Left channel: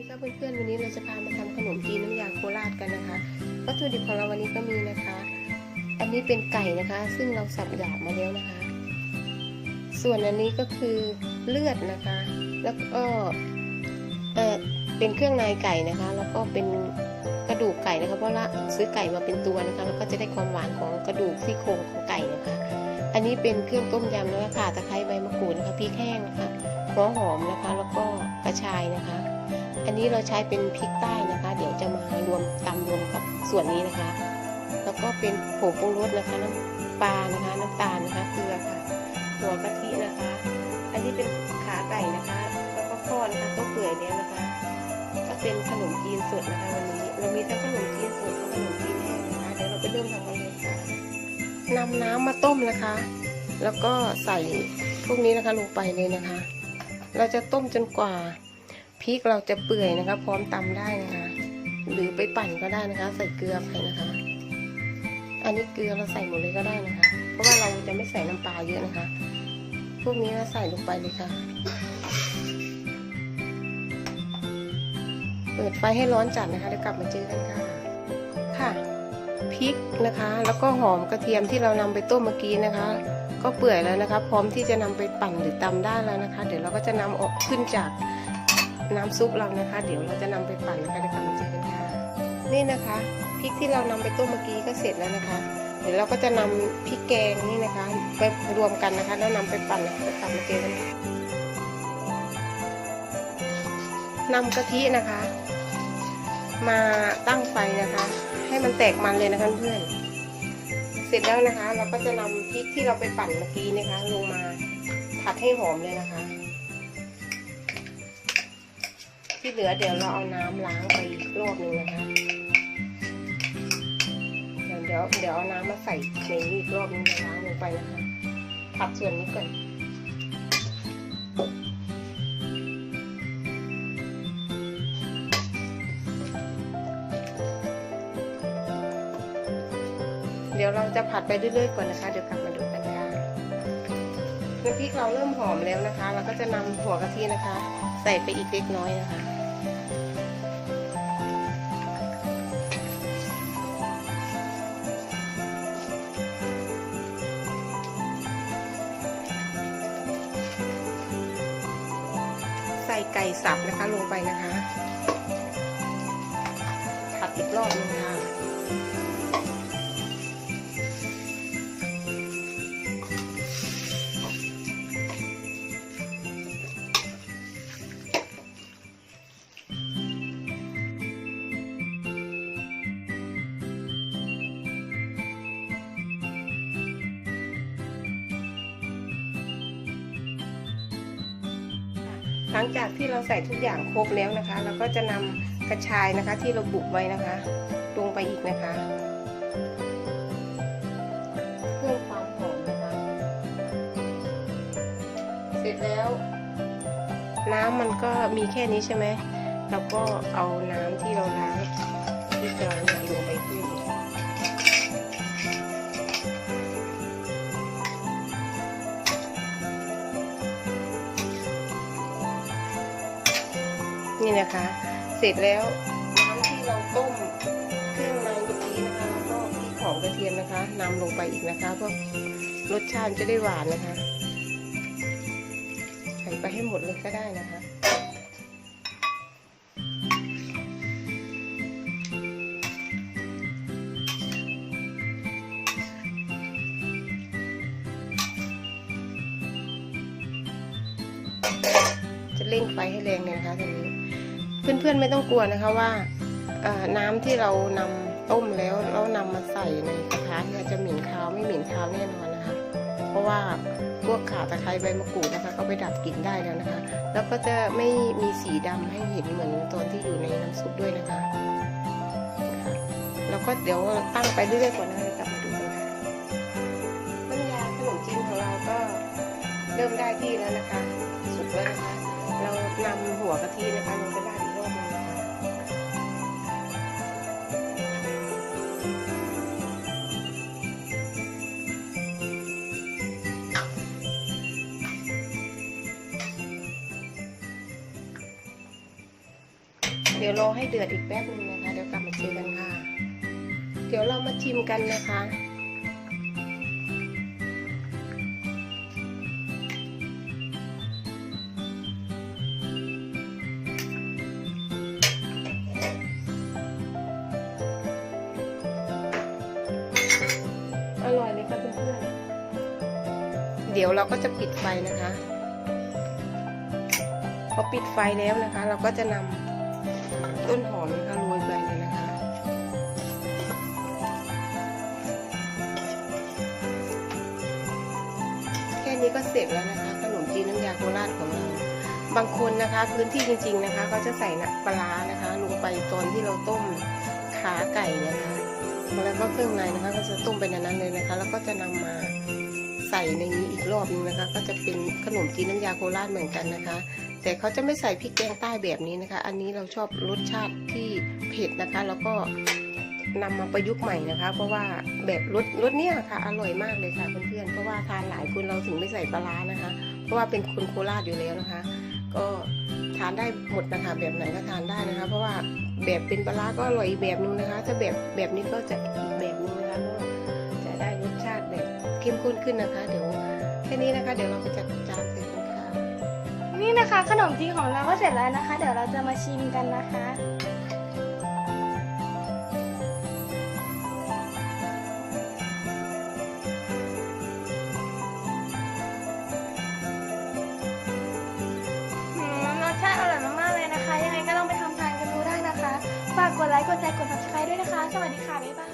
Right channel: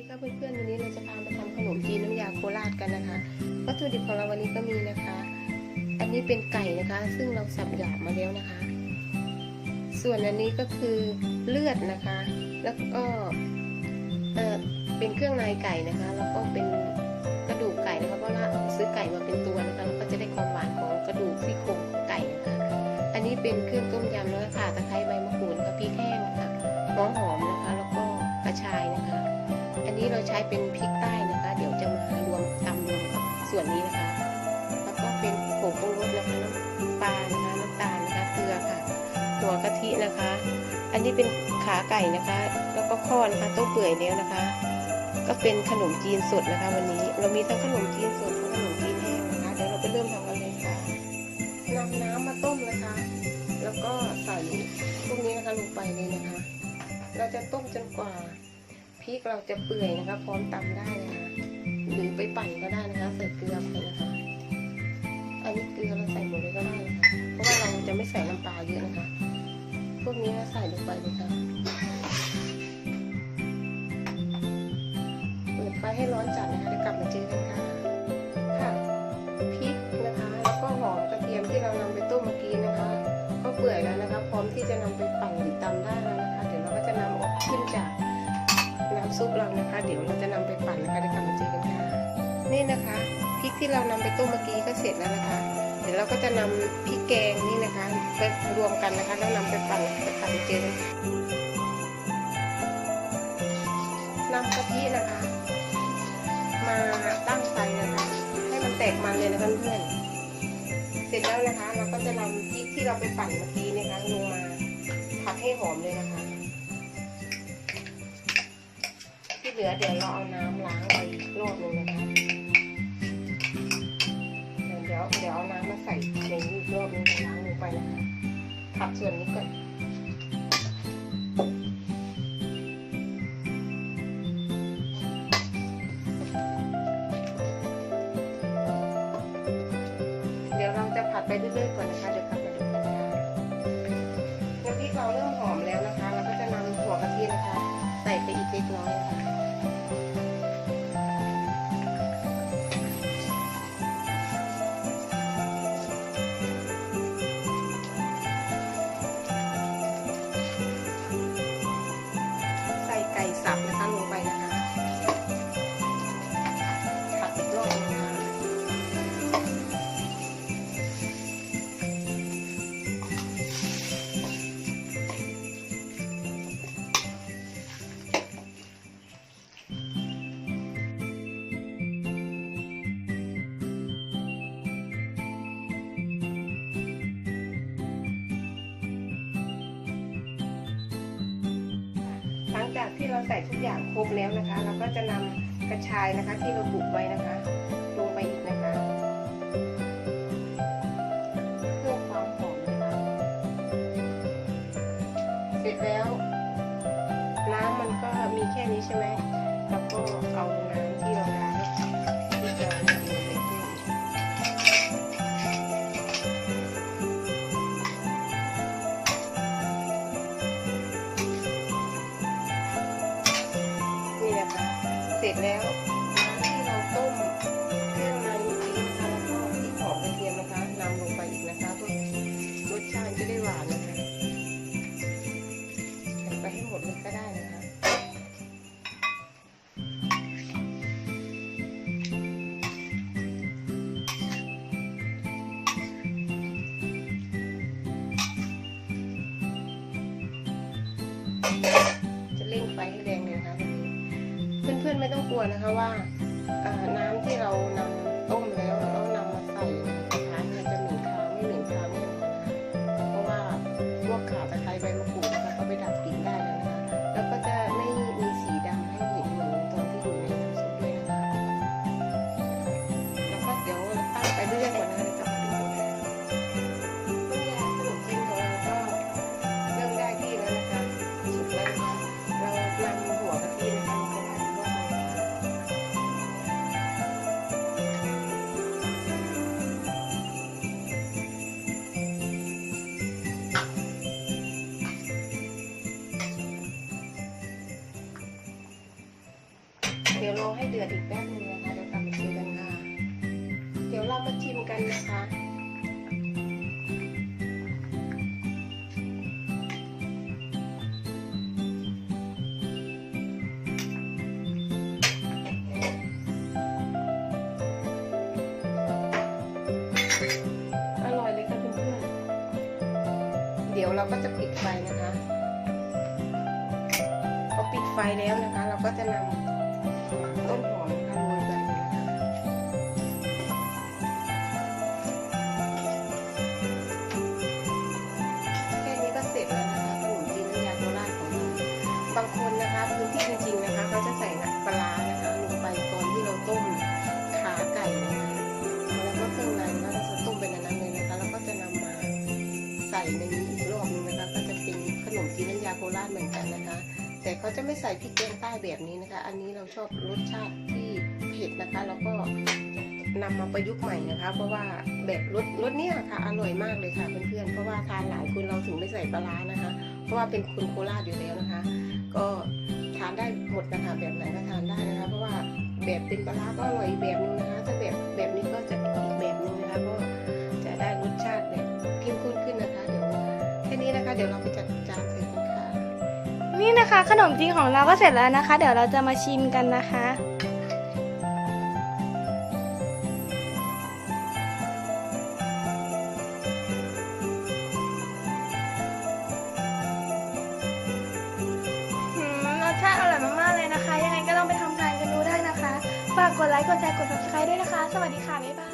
ดีครับเพื่อนๆวันนี้เราจะพามาทำขนมจีนน้ำยาโคราชกันนะคะวัตถุดิบของเราวันนี้ก็มีนะคะ อันนี้เป็นไก่นะคะ ซึ่งเราสับหยาบมาแล้วนะคะ ส่วนอันนี้ก็คือเลือดนะคะ แล้วก็เออเป็นเครื่องในไก่นะคะ แล้วก็เป็นกระดูกไก่นะคะเพราะว่าซื้อไก่มาเป็นตัวนะคะแล้วก็จะได้ความหวานของกระดูกซี่โครงของไก่นะคะ อันนี้เป็นเครื่องต้มยำนะคะตะไคร้ใบมะกรูดนะคะพริกแห้งนะคะหัวหอม นี้เราใช้เป็นพริกใต้นะคะ เดี๋ยวจะมารวมตำรวมกับส่วนนี้นะคะ แล้วก็เป็นผงปรุงรสนะคะน้ำปลานะคะน้ำตาลนะคะเกลือค่ะหัวกะทินะคะ อันนี้เป็นขาไก่นะคะ แล้วก็ข้อนะคะต้มเปื่อยแล้วนะคะ ก็เป็นขนมจีนสดนะคะ วันนี้เรามีทั้งขนมจีนสดทั้งขนมจีนแห้งนะคะ เดี๋ยวเราไปเริ่มทำกันเลยค่ะนำน้ำมาต้มนะคะ แล้วก็ใส่พวกนี้นะคะลงไปเลยนะคะ เราจะต้มจนกว่า พริกเราจะเปื่อยนะคะ พร้อมตำได้นะคะหรือไปปั่นก็ได้นะคะ ใส่เกลือไปนะคะ อันนี้เกลือเราใส่หมดเลยก็ได้นะคะ เพราะว่าเราจะไม่ใส่น้ำปลาเยอะนะคะ พวกนี้เราใส่ลงไปเลยค่ะ เปิดไฟให้ร้อนจัดนะคะแล้วกลับมาเจอกันค่ะค่ะพริกนะคะ แล้วก็หอมกระเทียมที่เรานำไปต้มเมื่อกี้นะคะ ก็เปื่อยแล้วนะคะ พร้อมที่จะนำไปปั่นหรือตำได้แล้วนะคะ เดี๋ยวเราก็จะนำออกขึ้นจาก น้ำซุปเรานะคะ เดี๋ยวเราจะนำไปปั่นนะคะเดี๋ยวกลับมาเจอกันค่ะนี่นะคะพริกที่เรานำไปต้มเมื่อกี้ก็เสร็จแล้วนะคะ เดี๋ยวเราก็จะนำพริกแกงนี่นะคะไปรวมกันนะคะ แล้วนำไปปั่นนะคะไปกลับมาเจอกันค่ะนำกะทินะคะ มาตั้งไฟนะคะ ให้มันแตกมันเลยนะคะเพื่อนเสร็จแล้วนะคะ เราก็จะนำพริกที่เราไปปั่นเมื่อกี้นะคะลงมาผัดให้หอมเลยนะ ลือเดี๋ยวเราเอาน้ำล้างไปอีกรอบหนึงนะคะเดี๋ยวเดี๋ยวเอาน้ำมาใส่ในนี้อีกรอบหนึงล้างลงไปนะคะผัดส่วนนี้ก่อนเดี๋ยวเราจะผัดไปเรื่อยๆก่อนนะคะเดี๋ยวกลับมาดูกันค่ะน้ำพริกเราเริ่มหอมแล้วนะคะ เราก็จะนำหัวกะทินะคะ ใส่ไปอีกเล็กน้อยนะคะ หลังจากที่เราใส่ทุกอย่างครบแล้วนะคะ เราก็จะนำกระชายนะคะที่เราบุกไว้นะคะ ลงไปอีกนะคะเพื่อความหอมนะคะเสร็จแล้ว น้ำมันก็มีแค่นี้ใช่ไหมแล้วก็เอาน้ำที่เราล้างที่เรา นะคะ เสร็จแล้วที่เราต้มเครื่องในเมื่อกี้นะคะแล้วก็พริกหอมกระเทียมนะคะนำลงไปอีกนะคะเพื่อรสชาติจะได้หวานนะคะ ใส่ไปให้หมดเลยก็ได้นะคะจะเร่งไฟให้แรงเลยนะคะตรงนี้ เพื่อนๆไม่ต้องกลัวนะคะว่าน้ำที่เรานำต้มแล้วแล้วนำมาใส่ในกระทะเนี่ยจะเหม็นคาวไม่เหม็นคาวแน่นอนนะคะเพราะว่าพวกข่าตะไคร้ใบมะกรูดนะคะเขาไปดับกลิ่นได้แล้วนะคะ แล้วก็จะไม่มีสีดำให้เห็นเหมือนตอนที่อยู่ในน้ำซุปด้วยนะคะ แล้วก็เดี๋ยวตั้งไปเรื่อยๆก่อนนะคะ เดี๋ยวรอให้เดือดอีกแป๊บนึงนะคะเดี๋ยวกลับมาเจอกันค่ะ เดี๋ยวเรามาชิมกันนะคะอร่อยเลยค่ะเพื่อนเดี๋ยวเราก็จะปิดไฟนะคะ พอปิดไฟแล้วนะคะ เราก็จะนำางคนนะคะพื้นที่จริงๆนะคะเขาจะใส่น้ำปลาร้านะคะ ลงไปตอนที่เราต้มขาไก่นะคะแล้วก็เครื่องในนะคะก็จะต้มไปในนั้นเลยนะคะ แล้วก็จะนำมาใส่ในนี้อีกรอบนึงนะคะ ก็จะเป็นขนมจีนน้ำยาโคราชเหมือนกันนะคะ แต่เขาจะไม่ใส่พริกแกงใต้แบบนี้นะคะ อันนี้เราชอบรสชาติที่เผ็ดนะคะ แล้วก็นำมาประยุกต์ใหม่นะคะ เพราะว่าแบบรสรสเนี้ยค่ะอร่อยมากเลยค่ะเพื่อนๆเพราะว่าทานหลายคนเราถึงไม่ใส่ปลาร้านะคะ ราะว่าเป็นคนโคราชอยู่แล้วนะคะ ก็ทานได้หมดนะคะแบบไหนก็ทานได้นะคะ เพราะว่าแบบเป็นปลาร้าก็อร่อยแบบนึงนะคะถ้าแบบแบบนี้ก็จะอีกแบบนึงนะคะก็จะได้รสชาติแบบเข้มข้นขึ้นนะคะ เดี๋ยวแค่นี้นะคะ เดี๋ยวเราไปจัดจานใส่กันค่ะนี่นะคะ ขนมจีนของเราก็เสร็จแล้วนะคะ เดี๋ยวเราจะมาชิมกันนะคะากกดไลค์ กดแชร์ กด subscribe ด้วยนะคะ สวัสดีค่ะ บ๊ายบาย